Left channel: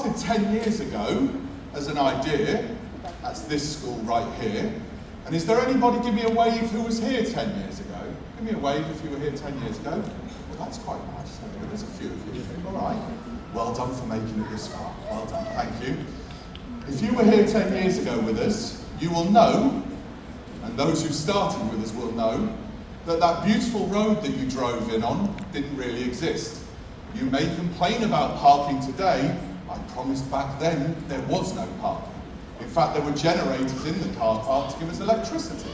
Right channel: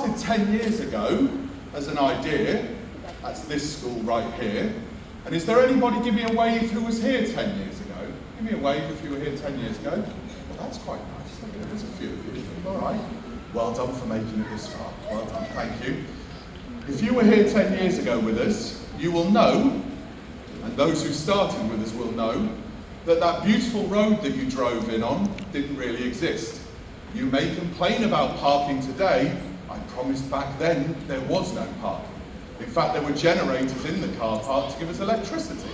started 10 years ago as an idea. That's this school right here. And is there anybody, give me a wave, who was here 10 years ago? Give me a wave if you were here 10 years ago. Well, that's quite nice. There's a few of you. All right. Well done for making it this far. Well done. Thank you. If you were here 10 years ago with us, you will know, and those who started with us will know, that that beautiful road that you drove in on didn't really exist. You may complain about parking today. I promised back then there was no parking. In fact, there were generators in the car park to give us electricity.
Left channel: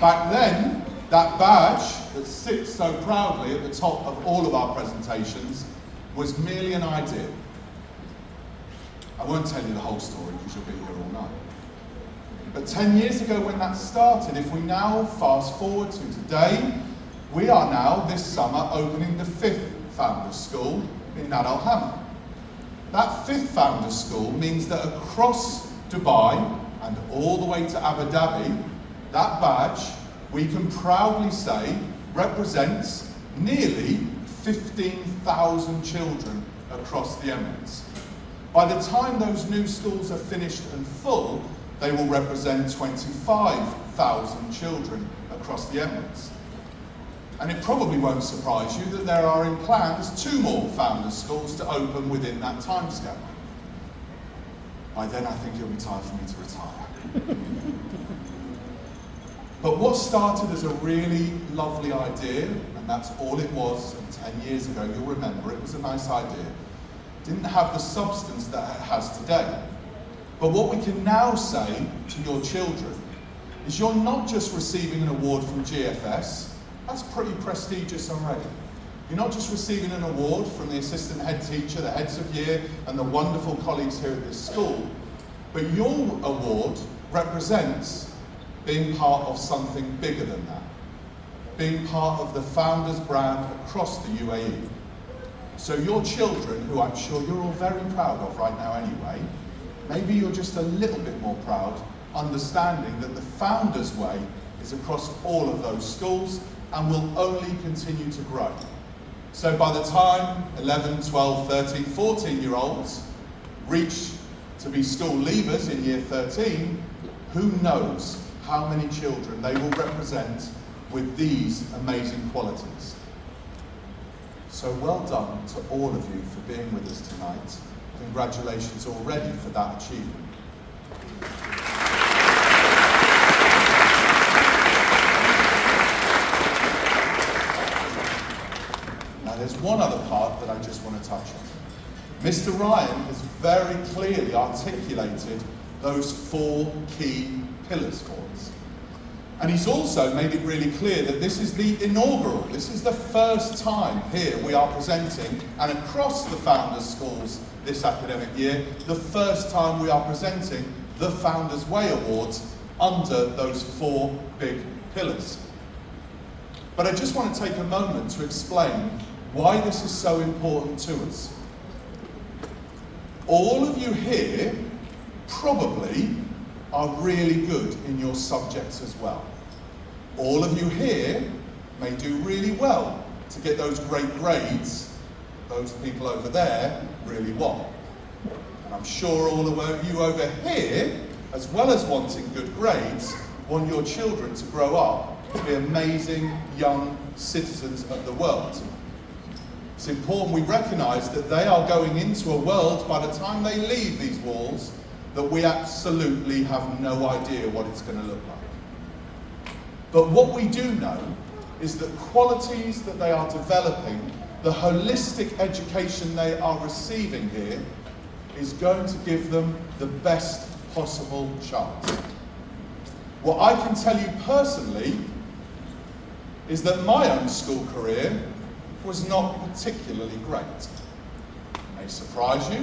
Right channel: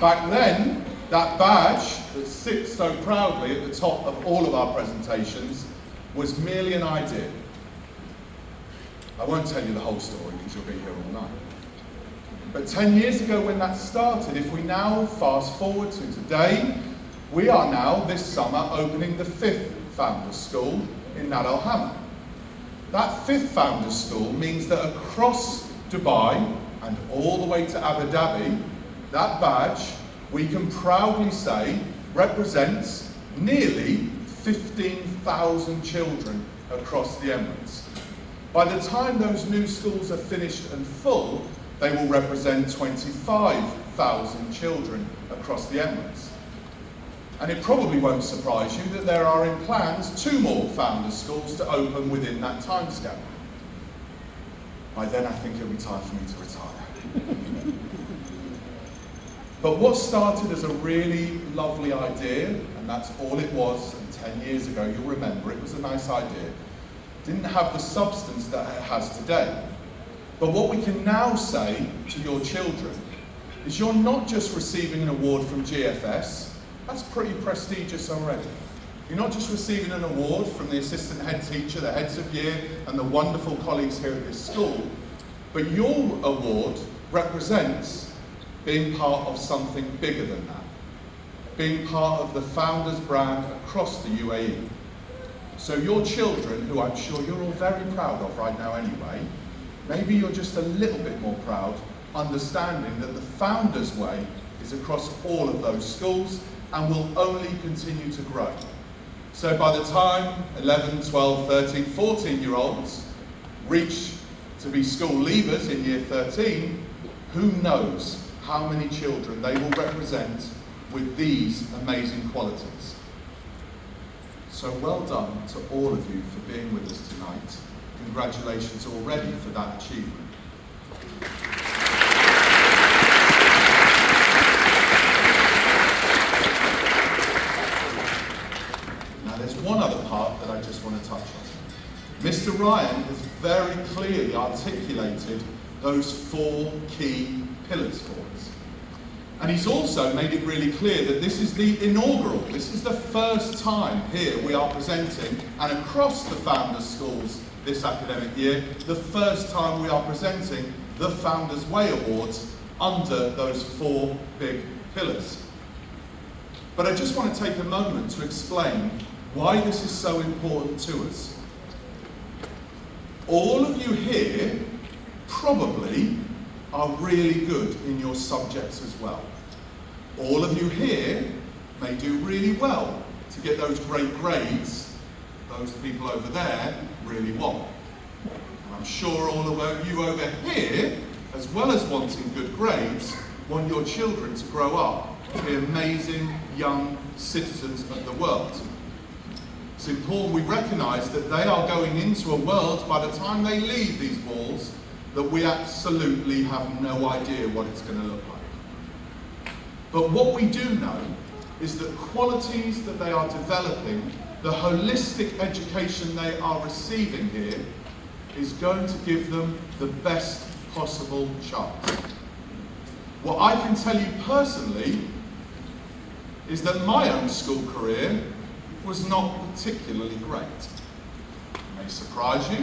Back then, that badge that sits so proudly at the top of all of our presentations was merely an idea. I won't tell you the whole story because you'll be here all night. But 10 years ago when that started, if we now fast forward to today, we are now this summer opening the 5th Founders School in Nad Al Hamra. That 5th Founders School means that across Dubai and all the way to Abu Dhabi, that badge, we can proudly say, represents nearly 15,000 children across the Emirates. By the time those new schools are finished and full, they will represent 25,000 children across the Emirates. And it probably won't surprise you that there are in plans 2 more Founders Schools to open within that timescale. By then I think it'll be time for me to retire. But what started as a really lovely idea, and that's all it was, and 10 years ago, you'll remember, it was a nice idea, didn't have the substance that it has today. But what we can now say to your children is you're not just receiving an award from GFS, that's pretty prestigious already. You're not just receiving an award from the assistant head teacher, the heads of year, and the wonderful colleagues here at this school, but your award represents being part of something bigger than that, being part of the Founders brand across the UAE. So your children, who I'm sure you're all very proud of right now anyway, maybe you're just a little bit more proud, understanding that the Founders way is across all of those schools and will only continue to grow. So by the time 11, 12, 13, 14-year-olds reach to be school leavers in year 13, who knows how many children they will represent with these amazing qualities. So well done to all of you for being with us tonight. Congratulations already for that achievement. Now there's one other part that I just want to touch on. Mr. Ryan has very clearly articulated those 4 key pillars for us. And he's also made it really clear that this is the inaugural, this is the first time here we are presenting, and across the Founders Schools this academic year, the first time we are presenting the Founders Way Awards under those 4 big pillars. But I just want to take a moment to explain why this is so important to us. All of you here probably are really good in your subjects as well. All of you here may do really well to get those great grades those people over there really want. And I'm sure all of you over here, as well as wanting good grades, want your children to grow up to be amazing young citizens of the world. It's important we recognise that they are going into a world, by the time they leave these walls, that we absolutely have no idea what it's going to look like. But what we do know is that qualities that they are developing, the holistic education they are receiving here, is going to give them the best possible chance. What I can tell you personally is that my own school career was not particularly great. It may surprise you,